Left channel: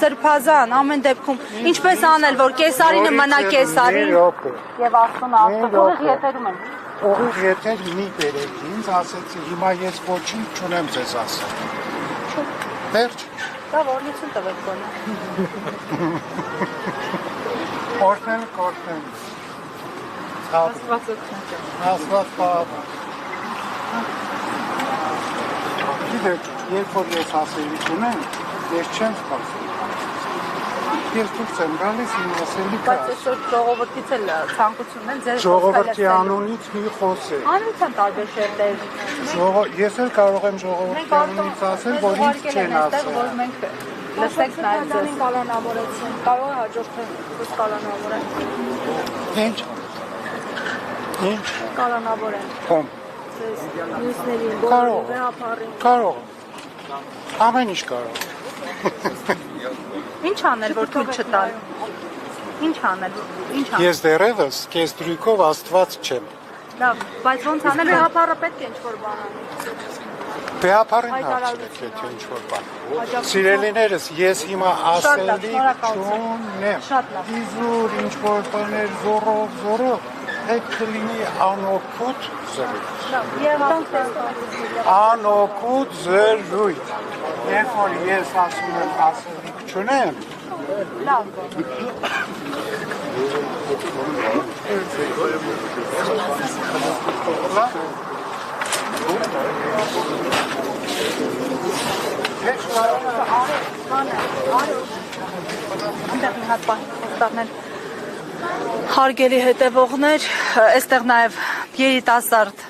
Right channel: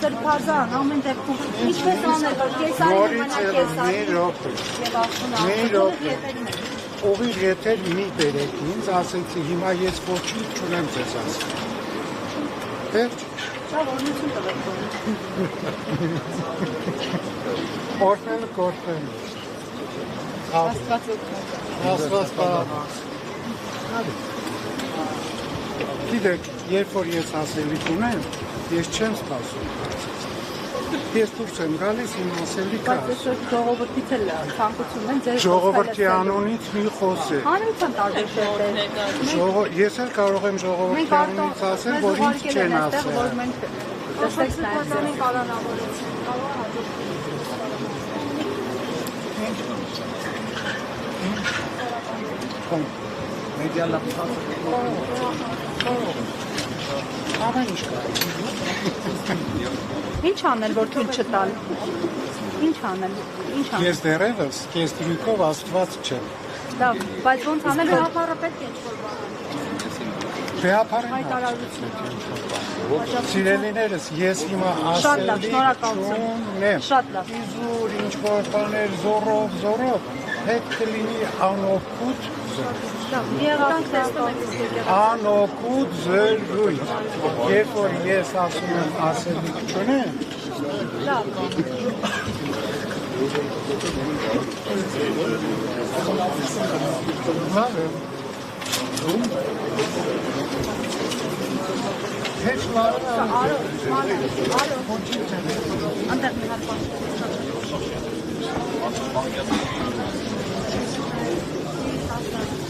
Սրբազան, ամեն դեպքում, ինչպես անել, որ կեսարինը մնա կեսարին և աղթոնը աղթոնը ետերում են։ Օղիր ետեր մի բերեք, ինձ ասեցի, հիմա ես ոչինչ չունեմ ձեզ ասել։ Վերջ։ Դա որնություն տղեք բանը։ Օրհնել կորհնել։ Աստված բանը։ Գիտեք, երբ որ ես ասելիք ունեմ, ես չեմ սպասում։ Ես դուրս եմ գալիս իմ ասելիք։ Բայց այսօր ժողովրդից էլ ցանկություն են ձեզ Ժողովրդի անունից մի խոսել։ Անունցան տարբեր շերտեր։ Ես էլ կարող եմ ժողովրդի Մենք մեզ ուղարկել են այստեղ, որ մենք լսենք նայել ձեզ։ Կալանավորեցին, կարող հաջորդել կալանավորեն։ Ինչ։ Կալանավորեն։ Ում։ Կարող։ Ամեն ինչ կարող։ Ինչ անել, որ թույլ չտալ։ Ինչ անել։ Ես դեռևս քեզ դրույքով աստված չեմ։ Լավ, բայց ոնց անել հապարը պետք է ինչ-որ բան։ Բեհապարին հարցրեք, եթե ինչ-որ բան։ Սիրելիներս, ես հիմա Շատ լավ, ասելի շնորհակալություն։ Շատ լավ։ Իզուր, ինչ-որ բաներ, զորով, պետք է լինի անօգուտ զրույց։ Անօգուտ զրույց։ Երբ որ ես ասում եմ ասելիք չունեմ, Լավ։ լավ է։ Heç լավ։ Այնտեղ հատ բան տանել։ Հարգելի հետևողներ, այստեղ նաև երիտասարդ